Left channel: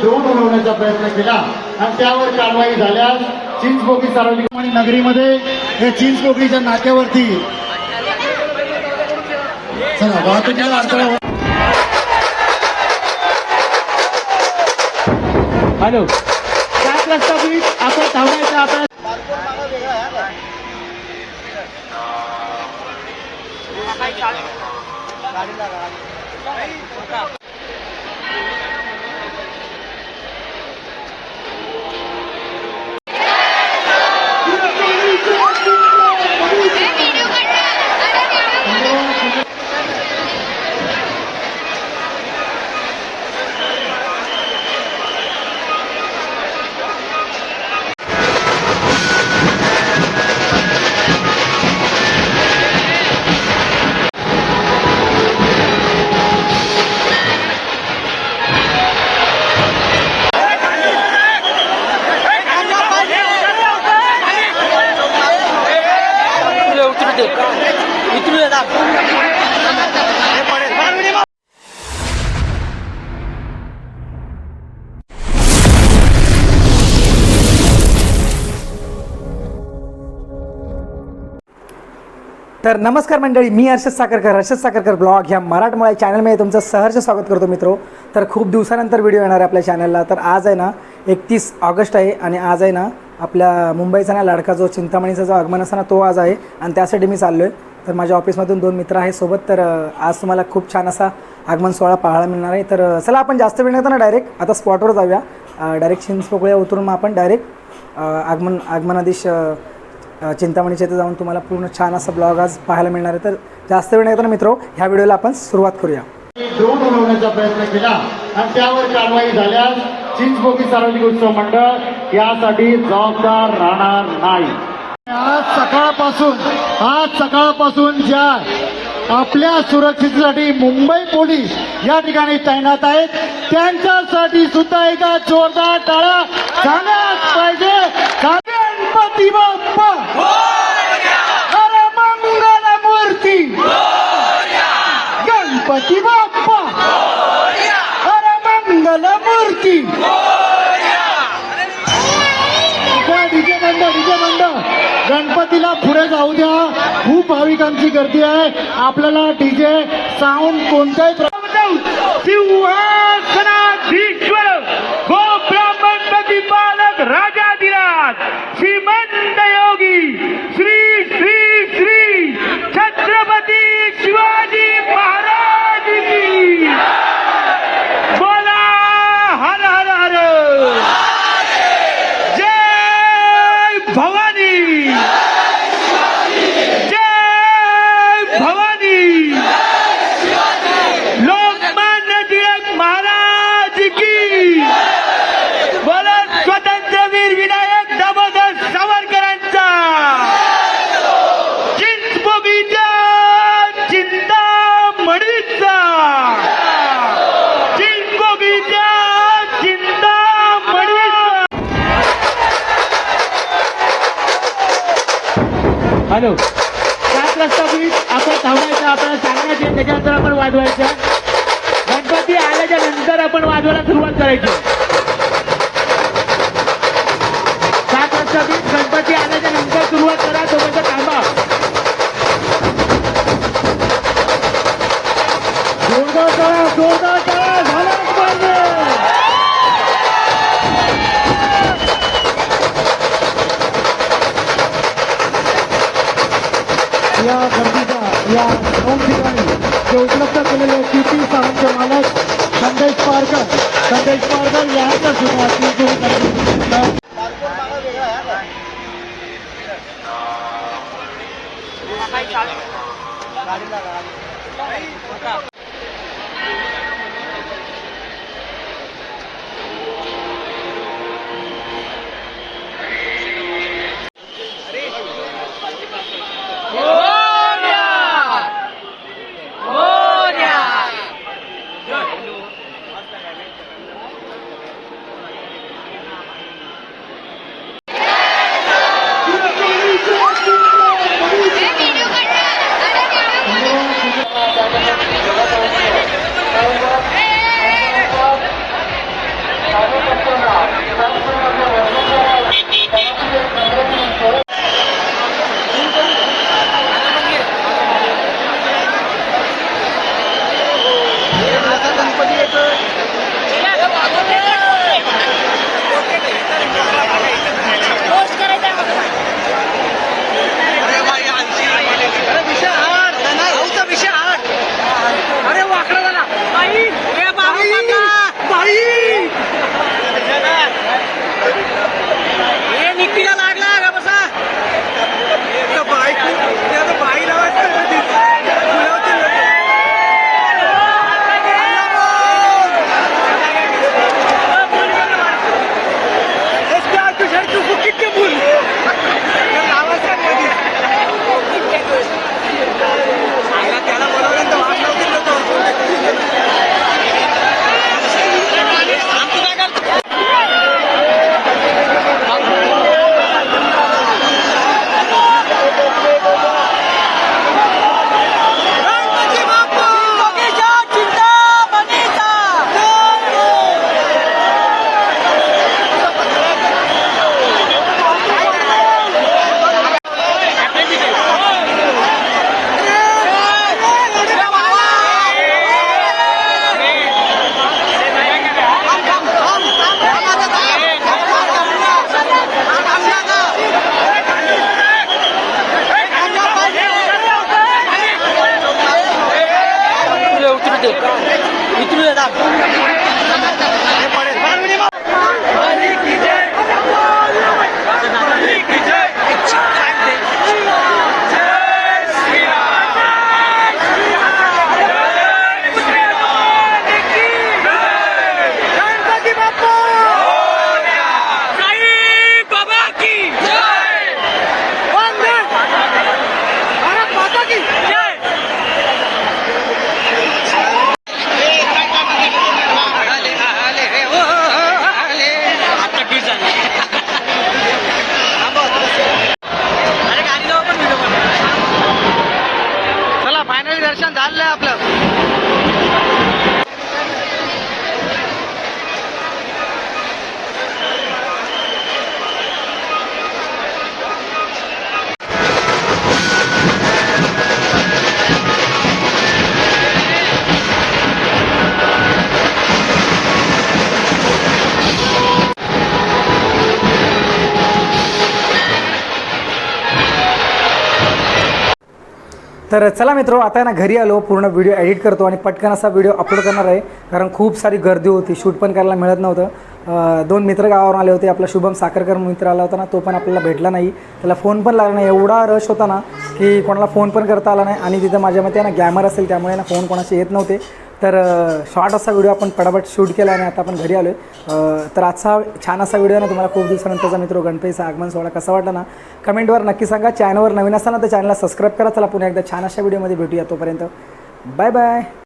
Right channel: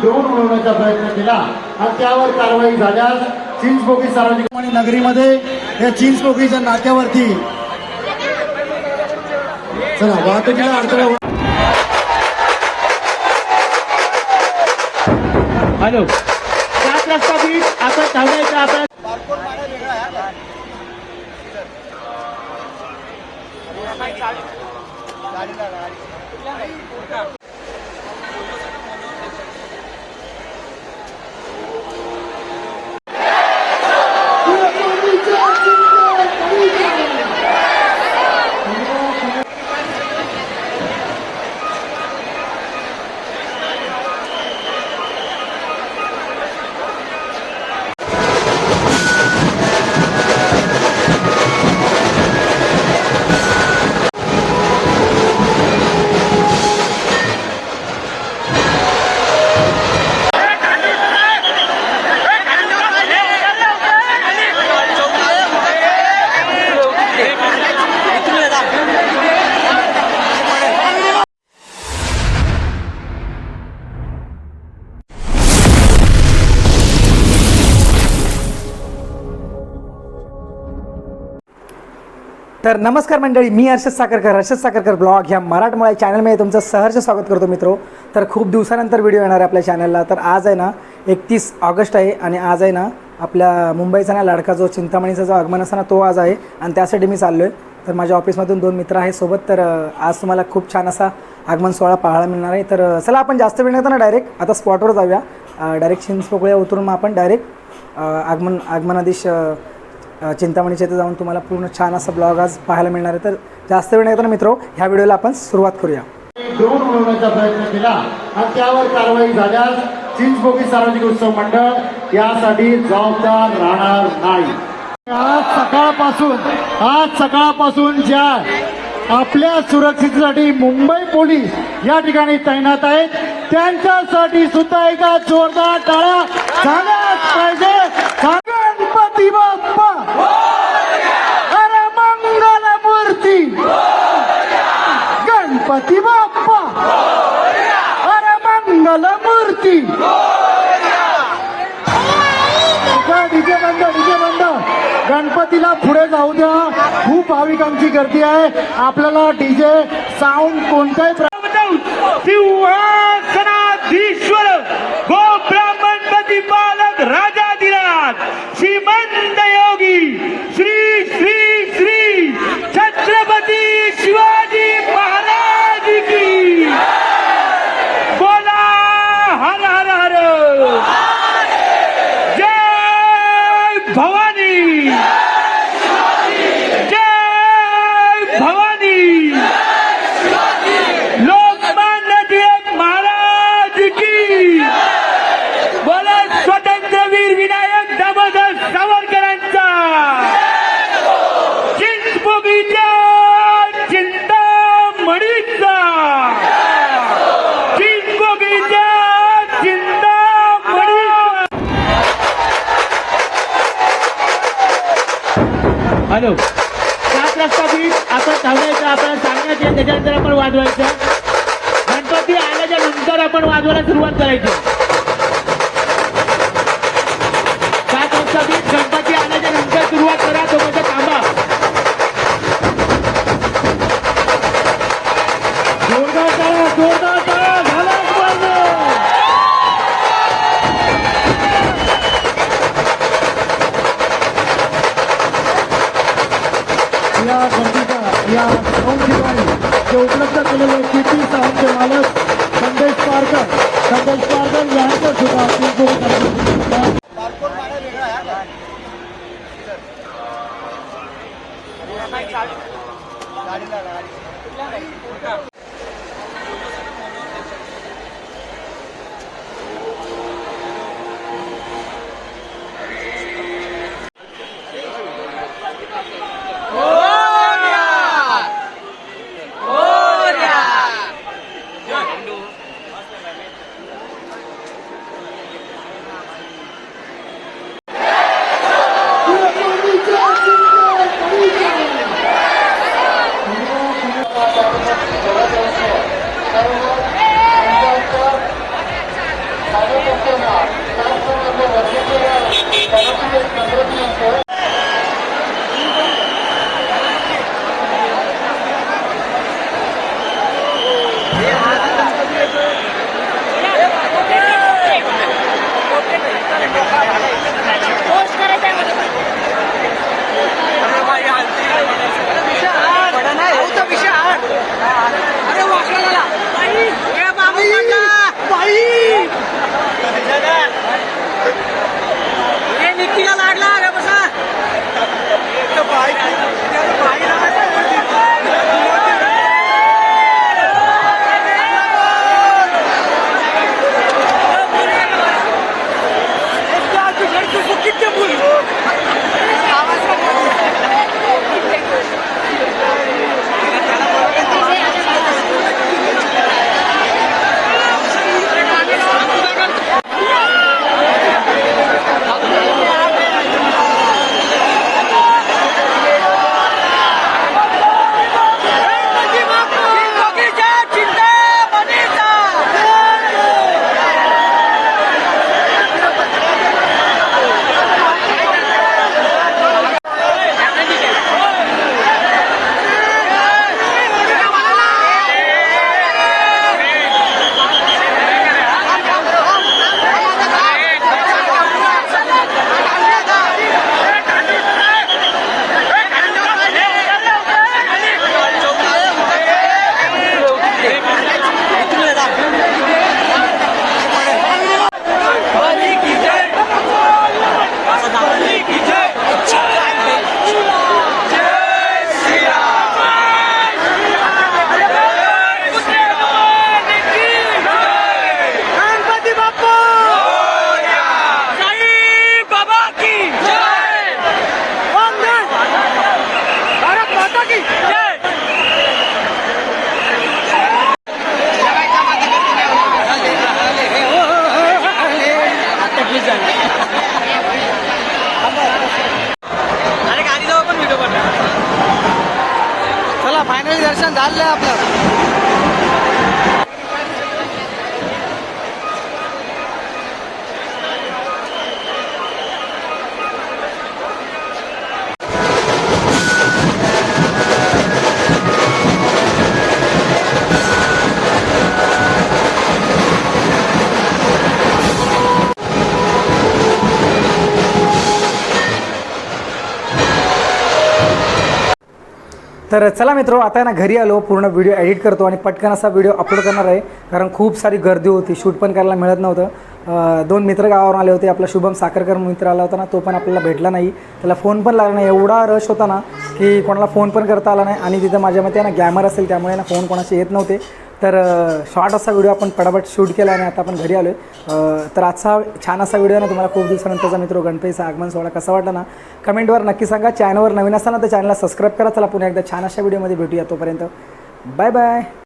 Drone उडवण्याचा प्रयत्न केला. आणि त्यावर कारवाई झाल्यास चिंचपोकी सार्वजनिक आणि नगरीमध्ये या चिंचपोकीच्या नाक्यावरती चला वाहतुकीला अडथळा हो- हॅलो. सात रस्ता बीच आपण थांबायचं आपण तर नमस्कार मंडळी मी हर्षद साखरकर. हर्षद साखरकर ब्लॉग ह्या मराठमोळ्या चॅनलमध्ये तुमचं सहर्ष स्वागत करतो मित्रो. तर खूप दिवसानंतर व्हिडिओ येणार आहे आपल्या चॅनलला तर आज आहे ना एकतीस ऑगस्ट आहे आणि आज आहे ना आपल्या मुंबईचा ना लाडका जो चिंतामणीचा जो आगमन असा ना तो आज आहे आणि त्यासाठी मी चाललो आहे तर माझ्या ऑफिसमधून दोन मित्र आहे सोबत. तर आज तुम्हाला खूप छान असा आगमन सोहळा पाहायला मिळणार आहे. तर चला आपण जास्त वेळ नाही ना डायरेक्ट आता स्पॉटवर जाऊया. डायरेक्ट चिंचपोकळ्या उतरून मग आपण डायरेक्ट आगमन आगमनाधीश चिंतामणीच्या इथे जाऊन तुम्हाला पूर्ण छान असा ब्लॉग आज पाहायला मिळणार आहे. तर जास्त वेळ नाही तर मित्रो? ह्या व्हिडिओला आपण सुरुवात करूया. ड्रोन उडवण्याचा प्रयत्न केला आणि त्यावर कारवाई झाल्यास चिंचबोगी सार्वजनिक उत्सव मंडळ यासाठी जबाबदार राहणार नाही. आज सकाळपासून आज सकाळपासून ज्या आपल्या सुरक्षेसाठी मुंबई पोलीस या ठिकाणी तैनात आहेत त्यांच्यासाठी सुद्धा एका जोरदार टाळा झाल्याच पाहिजे. गणपती बाप्पा अरे मंगल मूर्ती गणपती बाप्पा अरे मंगल मूर्ती डीजे बंद डीजे बंद गणपतीला पुढे जाऊ द्या. खूप भाविकांची गर्दी आहे. आपल्याला डीजे साऊंड कोणत्याही प्र- Shiva! हॅलो. सात रस्ता बीच आपण थांबायचं आपण सांगायचे त्याच्यानंतर आपण वाजवायचं. गणपती आल्याच्यानंतर आपण वाजवायला सुरुवात करायची. सात रस्ता बीच गणपती आल्याच्यानंतर सुरुवात करा तोपर्यंत थांबा. जोरदार टाळा जोरदार. उपलब्ध केलेले किती साऊंडचे मालक की चला फायनली दर्शन झालंय आपलं. तर चला मित्रो आता ना घरी आलो पूर्ण व्हिडिओ एडिट करतो आणि पटकन असा व्हिडिओ अपलोड करणार आहे. कारण खूप सारी गर्दी होती शूट पण करायला मिळत नव्हतं. दोन मित्र गावावरून आले होते आपला शुभम साखरकर मित्र आला होता ना तो पण आपल्याला भेटला नाही. त्याला फोन पण लागला नाही. एवढा रश होता ना की कोणाला फोन पण करता आला नाही. आणि तिथं माझ्या मते ना गॅमर असेल त्यामुळे ना फोन कोणाचे येत नव्हते. तर शॉर्ट असा व्हिडिओ आपण पटापट शूट केला आणि आता आपण घरी आलो आहे तर आजचा छान असा व्हिडिओ ना तुम्हाला खूप दिवसानंतरचा मित्र गणपतीचा आगमन सोहळा कसा वाटला ना कमेंटवर नक्की सांगा. चॅनलवर नवीन असताना तर चॅनलला सबस्क्राईब करा. चला पुन्हा एकदा छान अशा व्हिडिओमध्ये भेटूया तोपर्यंत. Bye bye